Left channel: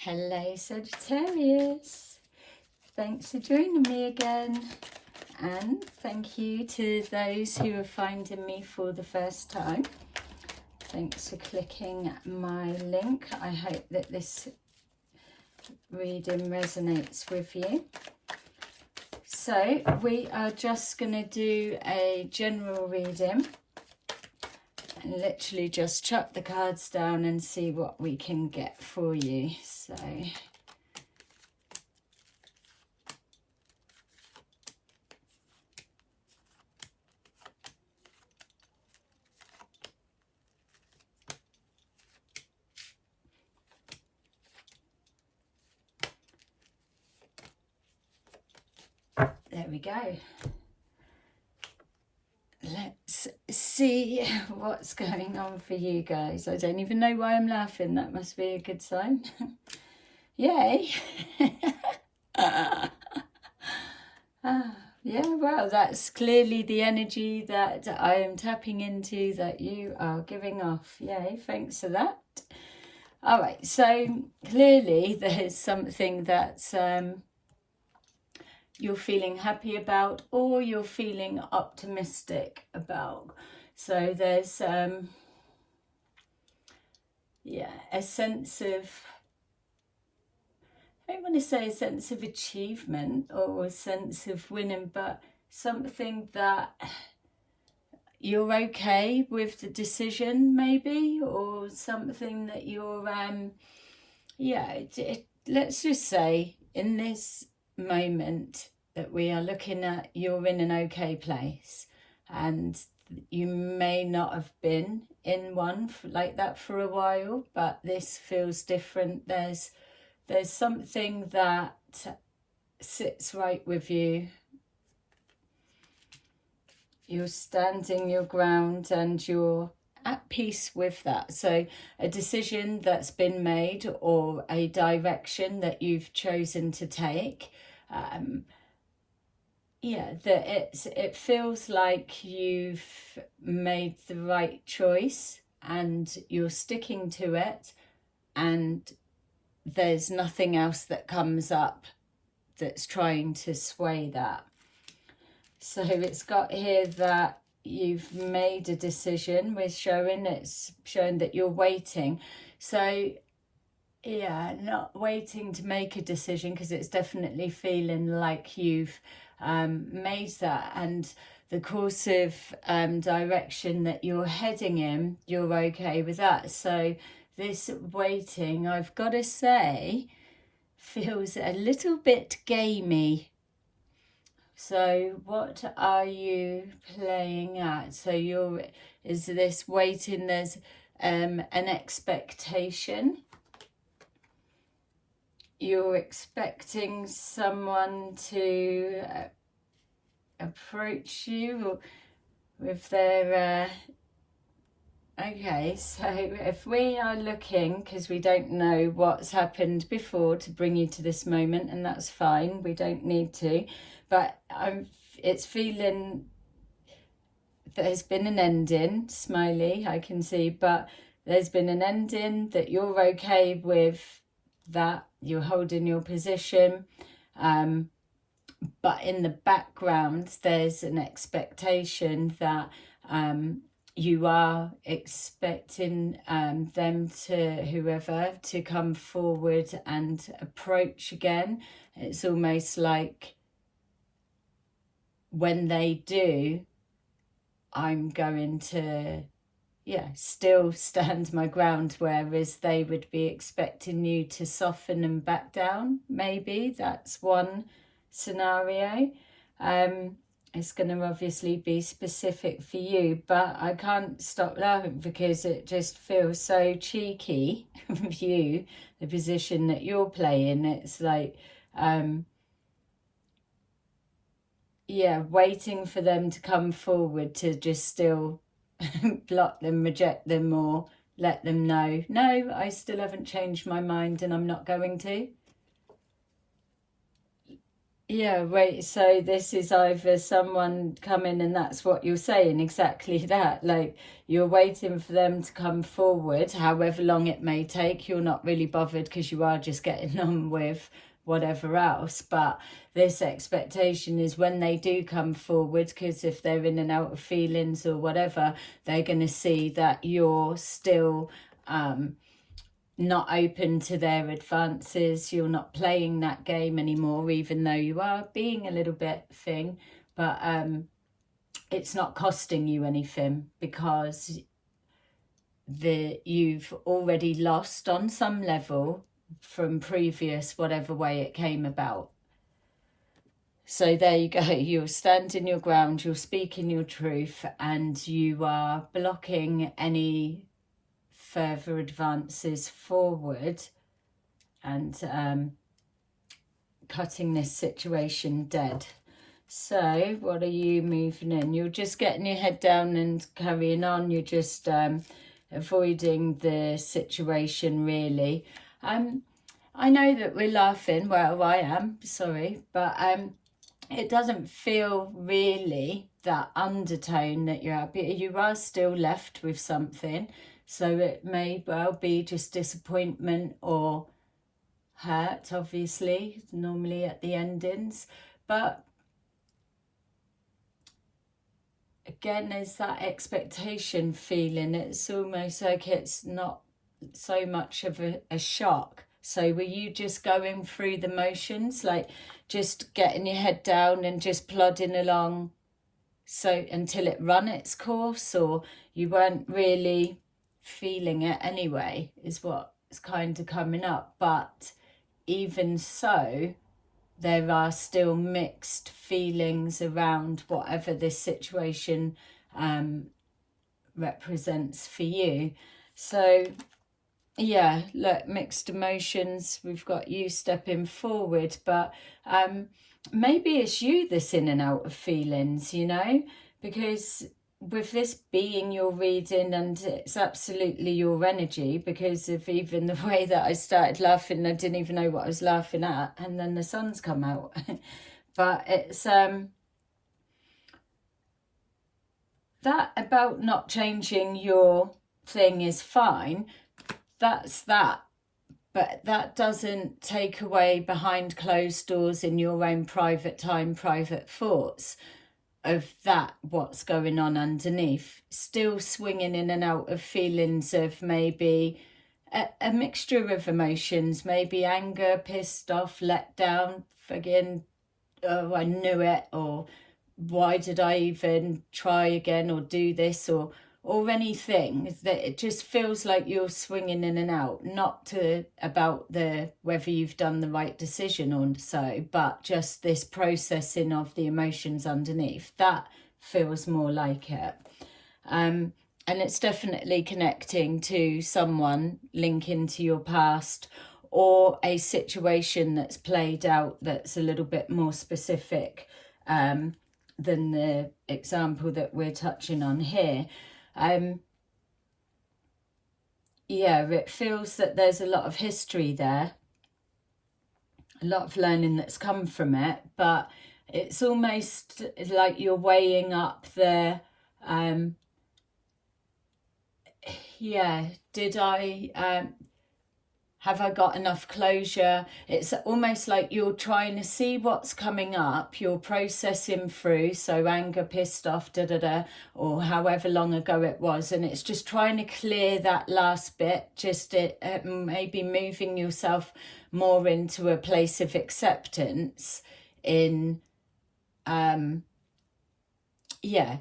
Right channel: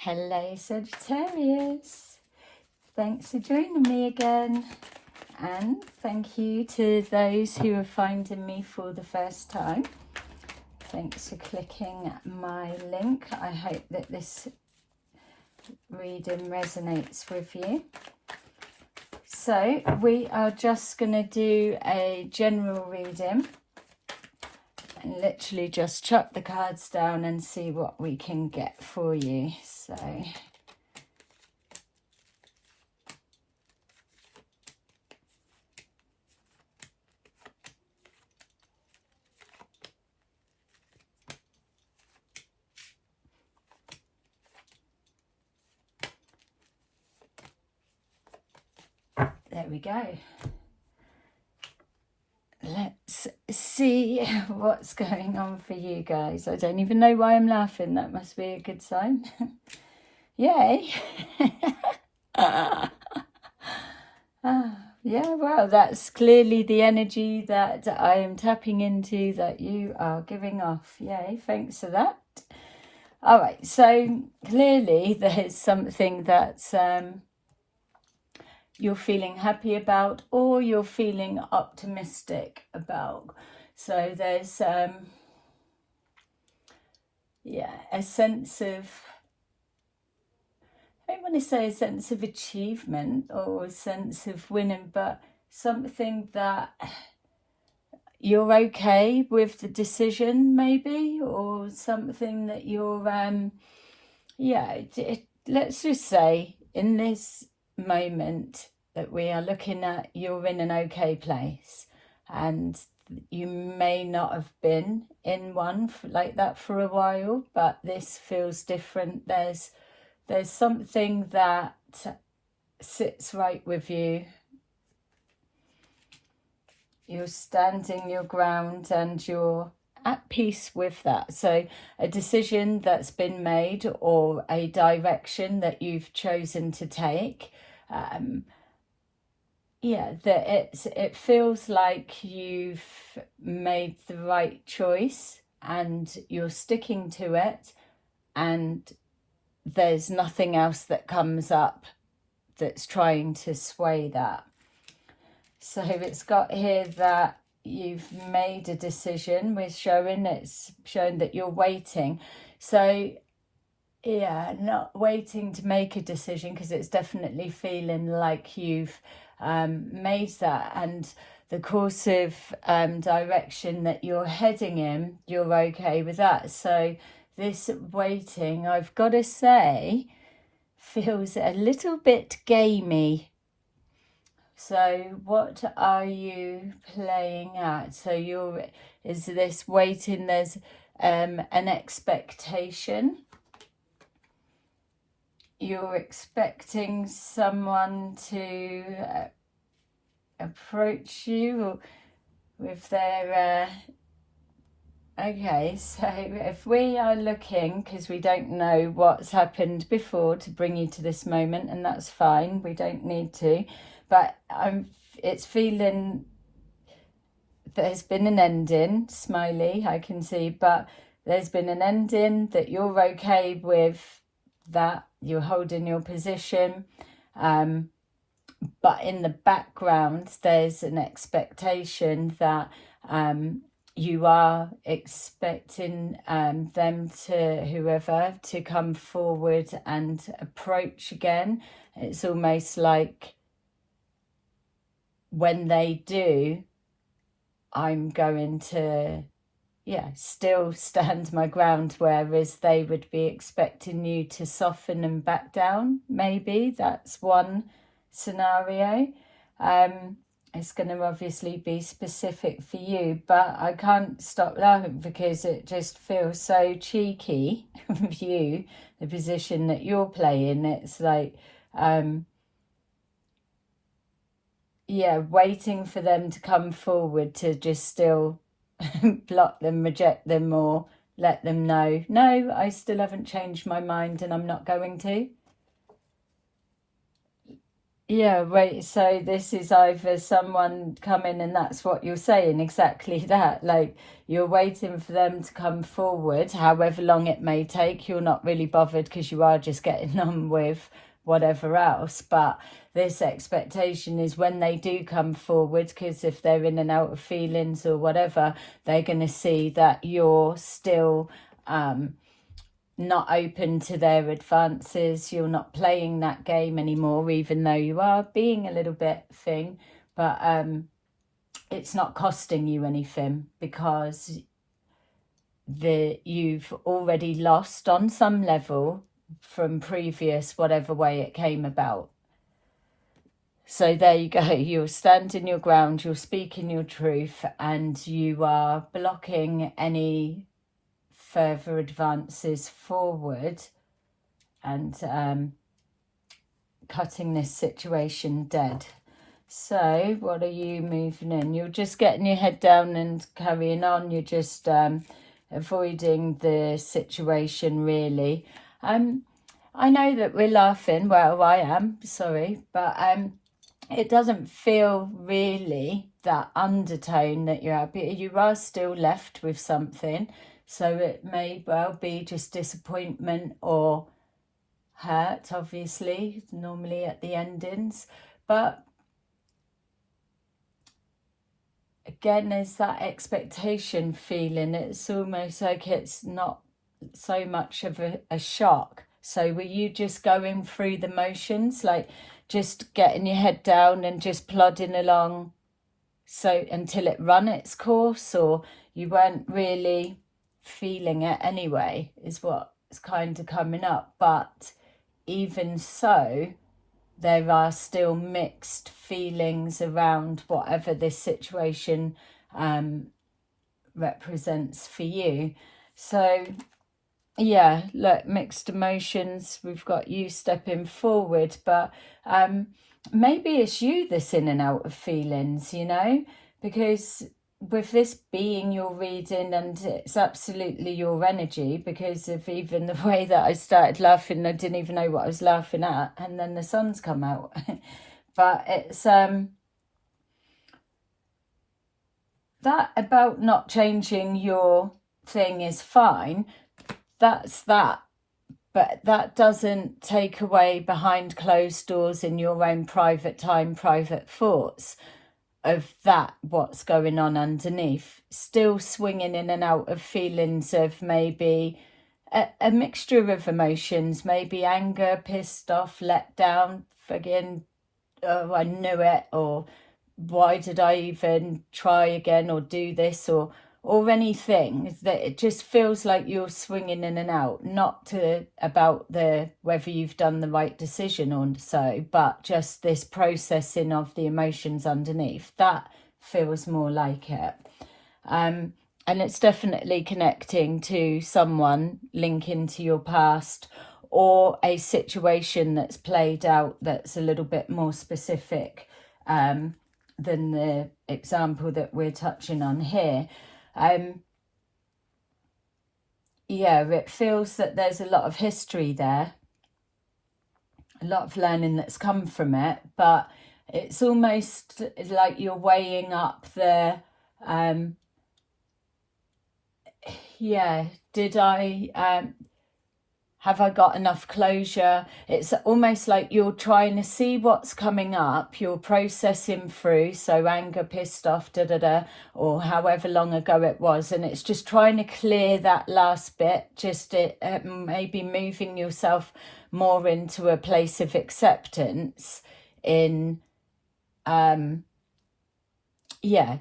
Hello Sagittarius, thanks for joining me again, and thank you to those who are finding me for the first time. Thanks for clicking my link. I hope that this reading resonates with you. So we are just going to do a general reading and literally just chop the cards down and see what we can get for you. So there we go. Let's see what's going on for you guys. I don't even know why I'm laughing. That must be a good sign. Yay. Yeah, well, that's clearly the energy that I am tapping into, that you are giving off. Yay, thanks for that. All right, so clearly there's something that's you're feeling happy about, or you're feeling optimistic about. So there's yeah, a sense of, I don't want to say a sense of achievement or a sense of winning, but something that you're okay with the decision maybe, or something that you're yeah, let's just say in this moment that we are looking at, you're in an okay place, and you may not have been in one like that for a while, but this feels different. There's something that sits right with you. You're standing your ground and you're at peace with that. So a decision that's been made, or a direction that you've chosen to take, yeah, that it feels like you've made the right choice and you're sticking to it, and there's nothing else that comes up that's trying to sway that. So it's got here that you've made a decision. It's showing that you're waiting. So yeah, not waiting to make a decision, because it's definitely feeling like you've made that, and the course of direction that you're heading in, you're okay with that. So this waiting, I've got to say, feels a little bit gamey. So what are you playing at? So is this waiting, there's an expectation. You're expecting someone to approach you with their okay, so if we are looking, because we don't know what's happened before to bring you to this moment, and that's fine, we don't need to, but it's feeling there's been an ending, smiley, I can see, but there's been an ending, that you're okay with that, you're holding your position, but in the background there's an expectation that you are expecting them to, whoever, to come forward and approach again. It's almost like when they do, I'm going to, yeah, still stand my ground, whereas they would be expecting you to soften and back down. Maybe that's one scenario. It's going to obviously be specific for you, but I can't stop laughing because it just feels so cheeky of you, the position that you're playing. It's like, yeah, waiting for them to come forward to just still block them, reject them, or let them know, no, I still haven't changed my mind and I'm not going to. Yeah, right. So this is either someone coming and that's what you're saying, exactly that. Like you're waiting for them to come forward, however long it may take. You're not really bothered because you are just getting on with whatever else. But this expectation is when they do come forward, because if they're in and out of feelings or whatever, they're going to see that you're still not open to their advances. You're not playing that game anymore, even though you are being a little bit thing, but it's not costing you anything, because you've already lost on some level from previous whatever way it came about. So there you go, you're standing your ground, you're speaking your truth, and you are blocking any further advances forward, and cutting this situation dead. So what are you moving in? You're just getting your head down and carrying on. You're just avoiding the situation, really. I know that we're laughing, well, I am, sorry, but it doesn't feel really that undertone that you're happy. You are still left with something, so it may well be just disappointment or hurt, obviously, normally at the endings. But again, there's that expectation feeling. It's almost like it's not so much of a shock. So were you just going through the motions, like just getting your head down and just plodding along so until it run its course, or you weren't really feeling it anyway, is what's kind of coming up? But even so, there are still mixed feelings around whatever this situation represents for you. So yeah, look, mixed emotions. We've got you stepping forward, but maybe it's you that's in and out of feelings, you know, because with this being your reading, and it's absolutely your energy, because of even the way that I started laughing, I didn't even know what I was laughing at, and then the sun's come out. But it's that about not changing your thing is fine. That's that. But that doesn't take away behind closed doors in your own private time, private thoughts of that, what's going on underneath. Still swinging in and out of feelings of maybe a mixture of emotions, maybe anger, pissed off, let down, again, oh, I knew it, or why did I even try again, or do this, or anything. That it just feels like you're swinging in and out, not about whether you've done the right decision or so, but just this processing of the emotions underneath. That feels more like it. And it's definitely connecting to someone, linking to your past, or a situation that's played out that's a little bit more specific than the example that we're touching on here. Yeah, it feels that there's a lot of history there, a lot of learning that's come from it, but it's almost like you're weighing up the did I have I got enough closure? It's almost like you're trying to see what's coming up, you're processing through, so anger, pissed off, or however long ago it was, and it's just trying to clear that last bit, just maybe moving yourself more into a place of acceptance in,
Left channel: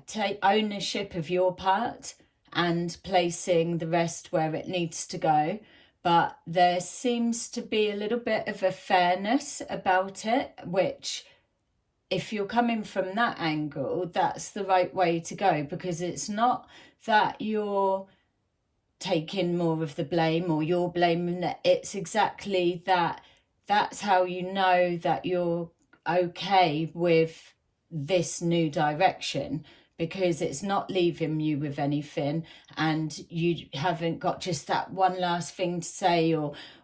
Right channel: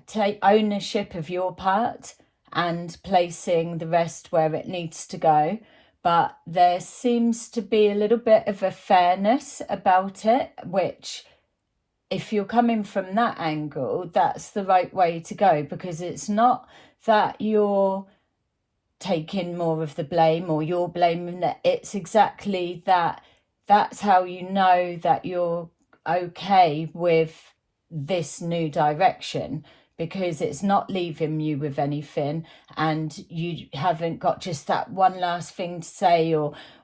take ownership of your part and placing the rest where it needs to go. But there seems to be a little bit of a fairness about it, which, if you're coming from that angle, that's the right way to go, because it's not that you're taking more of the blame or you're blaming that. It's exactly that. That's how you know that you're okay with this new direction, because it's not leaving you with anything, and you haven't got just that one last thing to say,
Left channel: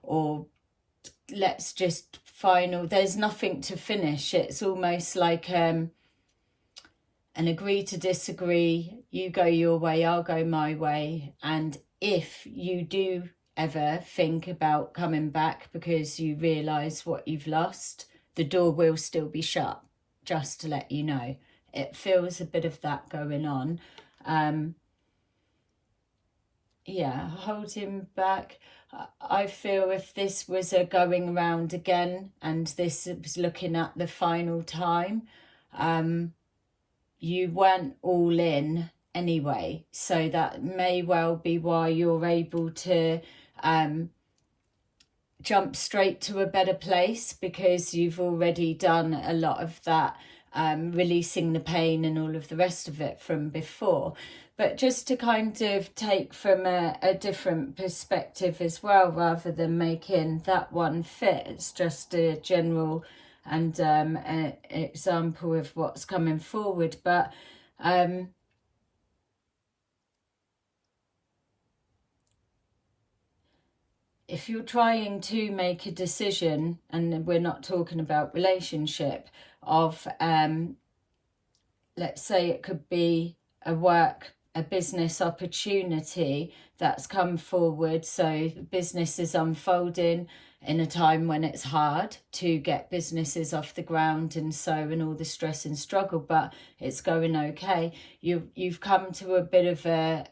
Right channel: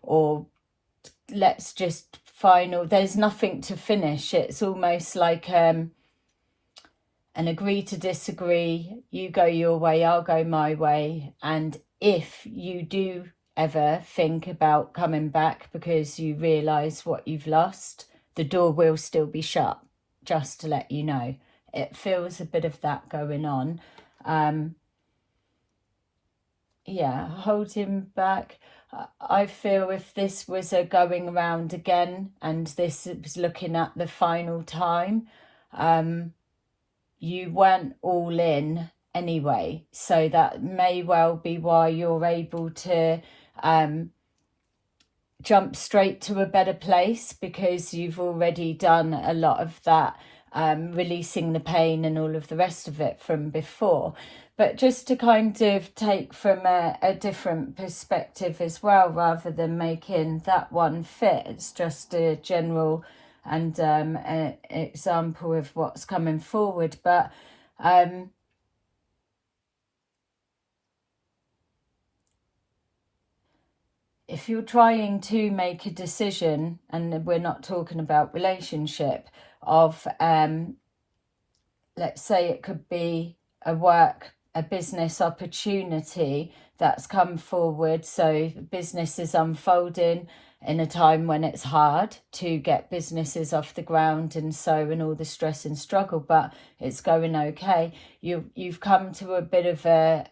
or let's just final, there's nothing to finish. It's almost like an agree to disagree. You go your way, I'll go my way. And if you do ever think about coming back because you realise what you've lost, the door will still be shut, just to let you know. It feels a bit of that going on. Yeah, holding back. I feel if this was a going around again and this was looking at the final time, you weren't all in anyway. So that may well be why you're able to jump straight to a better place, because you've already done a lot of that, releasing the pain and all of the rest of it from before. But just to kind of take from a different perspective as well, rather than making that one fit, it's just a general and an example of what's coming forward. But if you're trying to make a decision, and we're not talking about relationship, of let's say it could be a business opportunity that's come forward. So the business is unfolding in a time when it's hard to get businesses off the ground, and all the stress and struggle, but it's going okay. You've come to a bit of a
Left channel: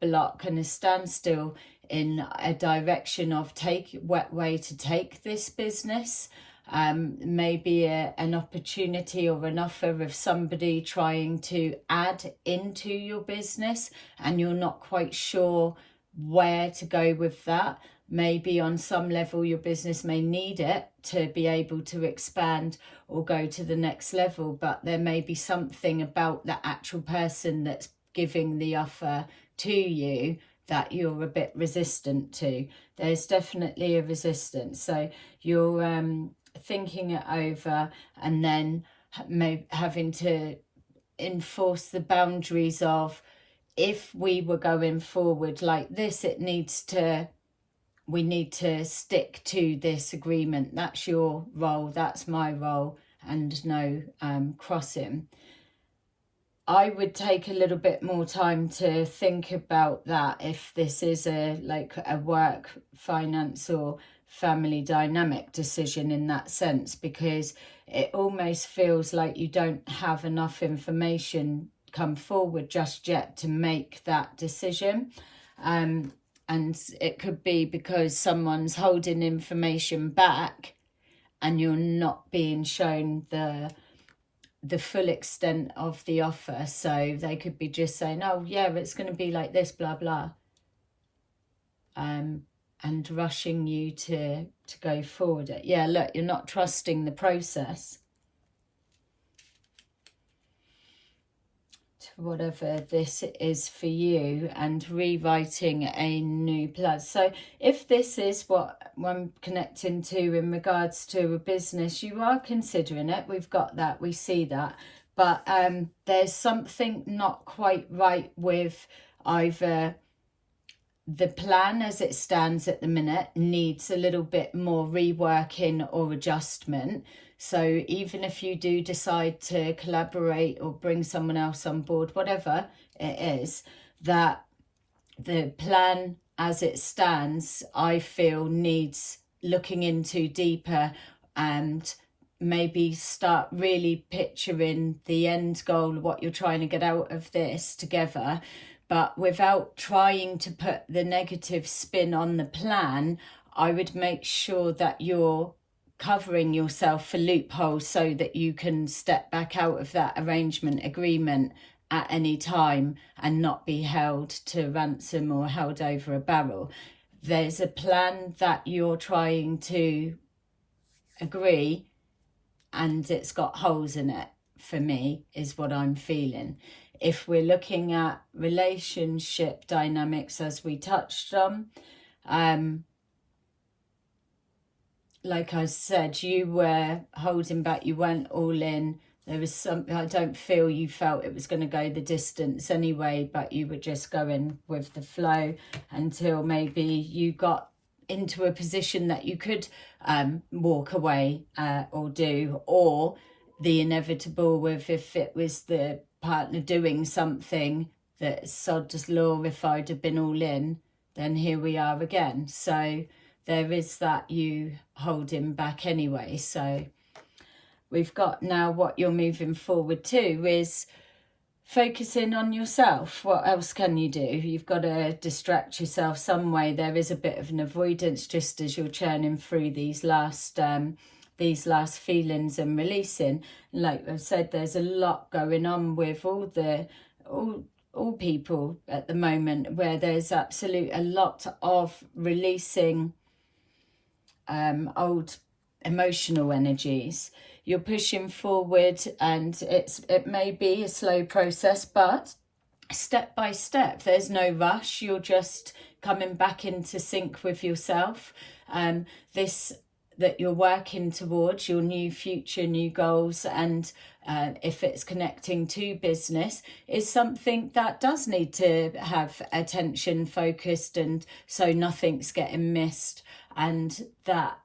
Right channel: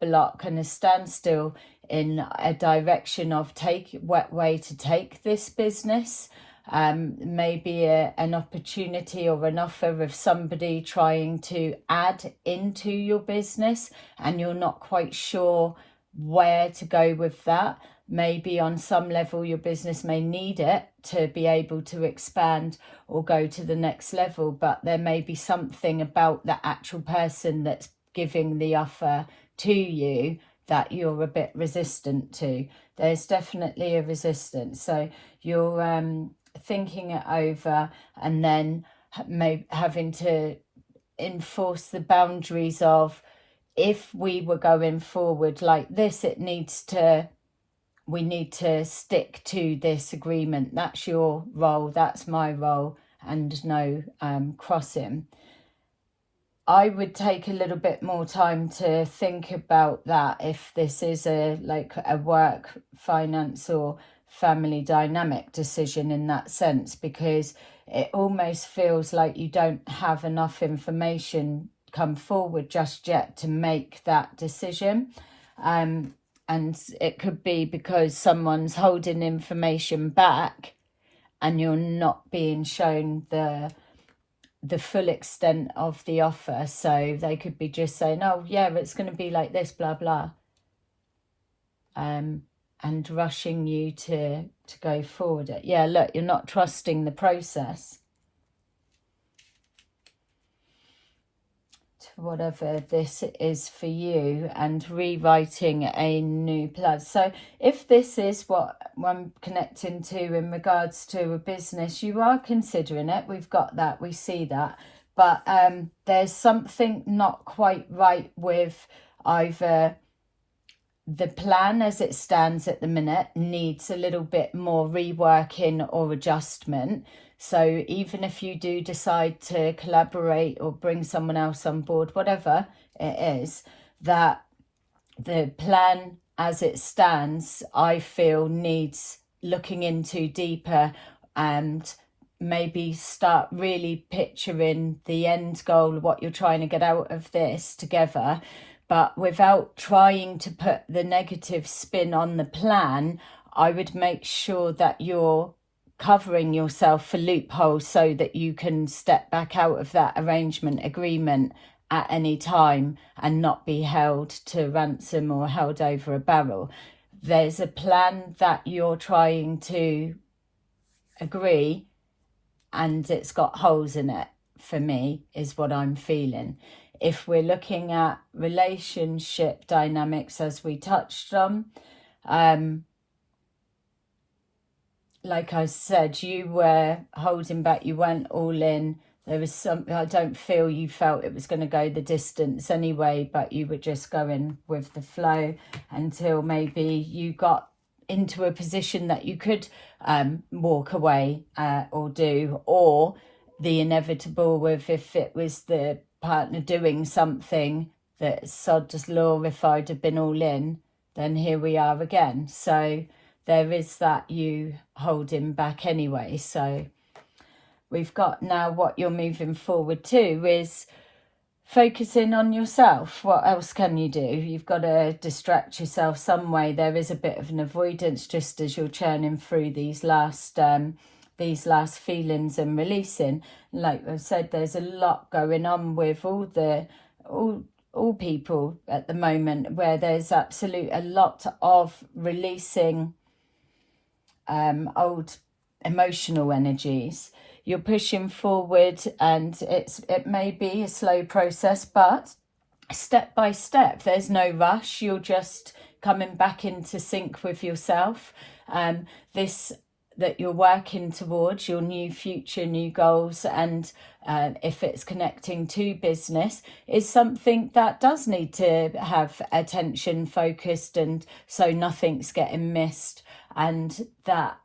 block and a standstill in a direction of what way to take this business. Maybe an opportunity or an offer of somebody trying to add into your business, and you're not quite sure where to go with that. Maybe on some level your business may need it to be able to expand or go to the next level, but there may be something about the actual person that's giving the offer to you that you're a bit resistant to. There's definitely a resistance. So you're thinking it over, and then having to enforce the boundaries of, if we were going forward like this, we need to stick to this agreement. That's your role, that's my role, and no crossing. I would take a little bit more time to think about that, if this is a work, finance or family dynamic decision in that sense, because it almost feels like you don't have enough information come forward just yet to make that decision. And it could be because someone's holding information back and you're not being shown the full extent of the offer. So they could be just saying, oh yeah, it's going to be like this, blah blah, and rushing you to go forward. Yeah, look, you're not trusting the process, to whatever this is for you, and rewriting a new plan. So if this is what I'm connecting to in regards to a business, you are considering it. We've got that, we see that, but there's something not quite right with either the plan as it stands at the minute needs a little bit more reworking or adjustment. So even if you do decide to collaborate or bring someone else on board, whatever it is, that the plan as it stands, I feel, needs looking into deeper, and maybe start really picturing the end goal, what you're trying to get out of this together, but without trying to put the negative spin on the plan. I would make sure that you're covering yourself for loopholes so that you can step back out of that arrangement agreement at any time and not be held to ransom or held over a barrel. There's a plan that you're trying to agree, and it's got holes in it, for me, is what I'm feeling. If we're looking at relationship dynamics, as we touched on, like I said, you were holding back, you weren't all in. There was something, I don't feel you felt it was going to go the distance anyway, but you were just going with the flow until maybe you got into a position that you could walk away or do, or the inevitable with if it was the partner doing something that sod's law, if I'd have been all in, then here we are again. So there is that you holding back anyway. So we've got now what you're moving forward to is focusing on yourself. What else can you do? You've got to distract yourself some way. There is a bit of an avoidance just as you're churning through these last feelings and releasing. Like I've said, there's a lot going on with all people at the moment, where there's a lot of releasing old emotional energies. You're pushing forward, and it may be a slow process, but step by step. There's no rush. You're just coming back into sync with yourself. This that you're working towards, your new future, new goals, and if it's connecting to business, is something that does need to have attention focused, and so nothing's getting missed, and that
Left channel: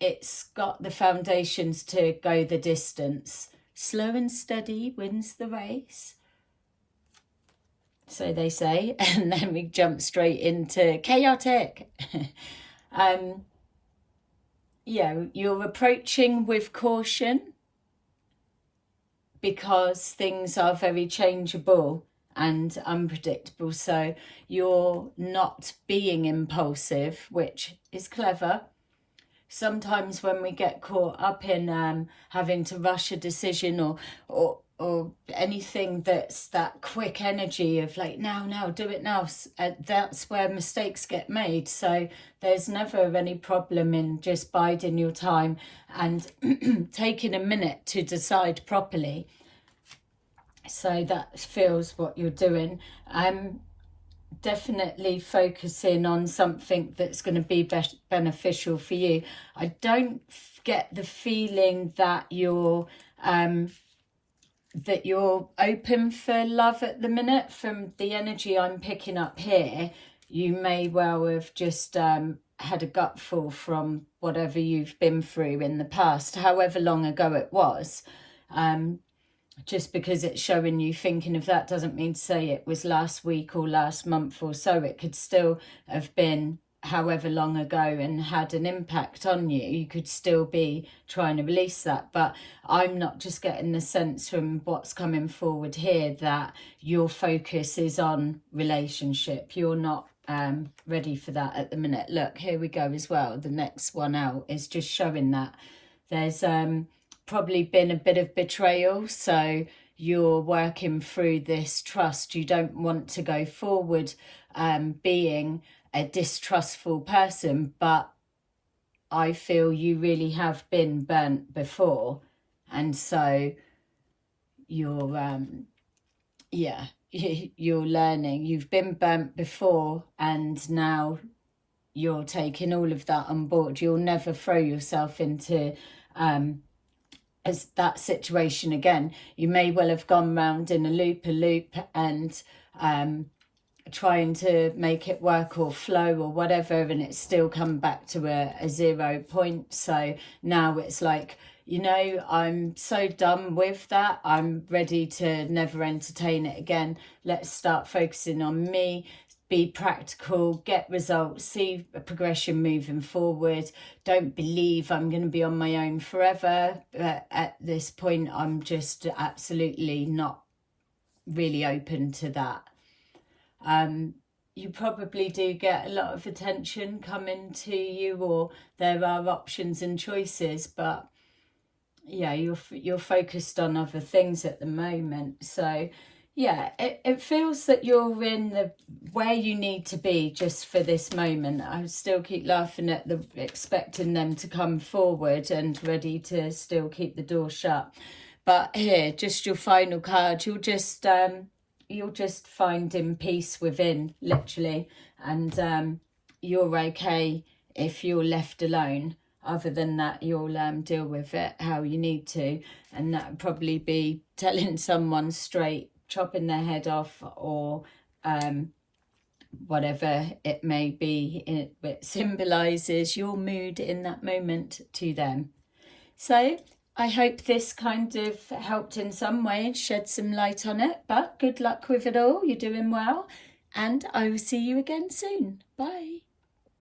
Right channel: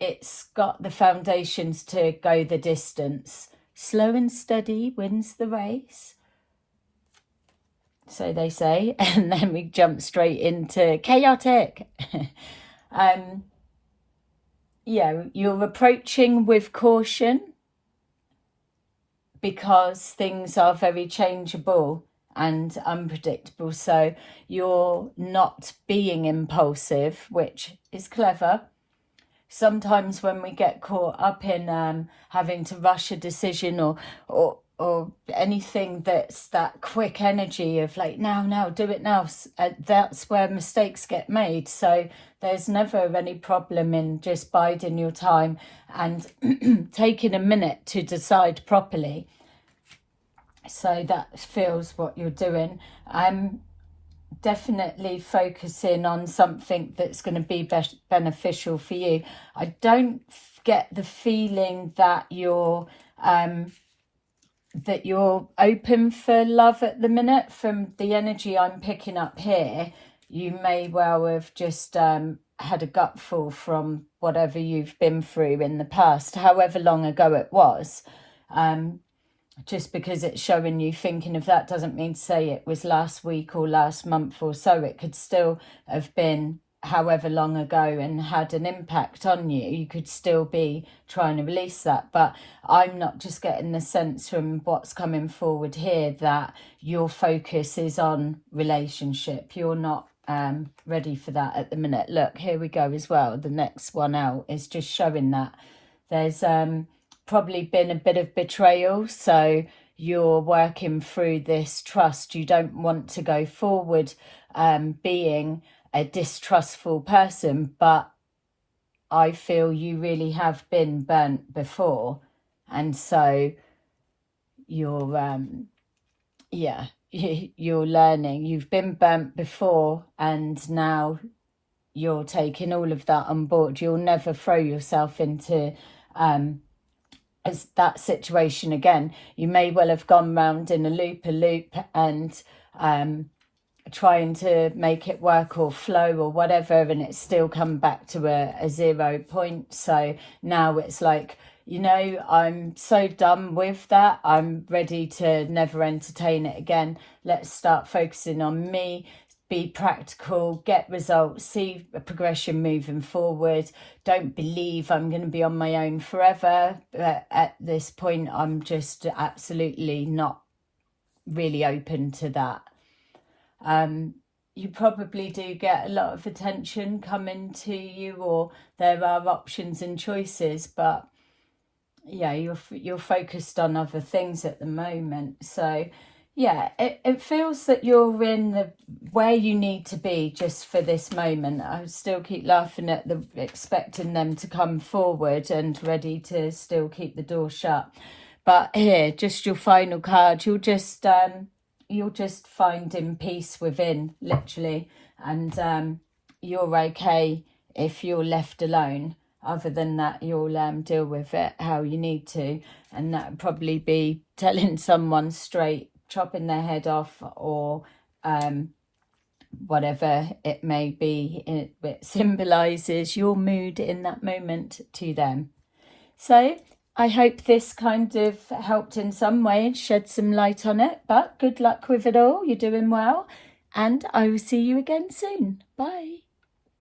it's got the foundations to go the distance. Slow and steady wins the race, so they say. And then we jump straight into chaotic. Yeah, you're approaching with caution because things are very changeable and unpredictable. So you're not being impulsive, which is clever. Sometimes when we get caught up in having to rush a decision or anything that's that quick energy of like, now, do it now, that's where mistakes get made. So there's never any problem in just biding your time and taking a minute to decide properly. So that feels what you're doing. Definitely focusing on something that's going to be beneficial for you. I don't get the feeling that you're open for love at the minute. From the energy I'm picking up here, you may well have just had a gutful from whatever you've been through in the past, however long ago it was. Just because it's showing you thinking of that doesn't mean to say it was last week or last month or so. It could still have been however long ago and had an impact on you. You could still be trying to release that. But I'm not just getting the sense from what's coming forward here that your focus is on relationship. You're not ready for that at the minute. Look, here we go as well. The next one out is just showing that there's probably been a bit of betrayal, so you're working through this trust. You don't want to go forward being a distrustful person, but I feel you really have been burnt before, and so you're you're learning. You've been burnt before, and now you're taking all of that on board. You'll never throw yourself into as that situation again. You may well have gone round in a loop and trying to make it work or flow or whatever, and it's still come back to a 0 point. So now it's like, you know, I'm so done with that. I'm ready to never entertain it again. Let's start focusing on me. Be practical, get results, see a progression moving forward. Don't believe I'm going to be on my own forever. At this point, I'm just absolutely not really open to that. You probably do get a lot of attention coming to you, or there are options and choices, but yeah, you're focused on other things at the moment. So yeah, it feels that you're in where you need to be just for this moment. I still keep laughing at expecting them to come forward and ready to still keep the door shut. But here, just your final card, you'll just finding peace within, literally, and you're okay if you're left alone. Other than that, you'll deal with it how you need to, and that would probably be telling someone straight, chopping their head off, or whatever it may be. It symbolises your mood in that moment to them. So I hope this kind of helped in some way, shed some light on it, but good luck with it all. You're doing well, and I will see you again soon. Bye.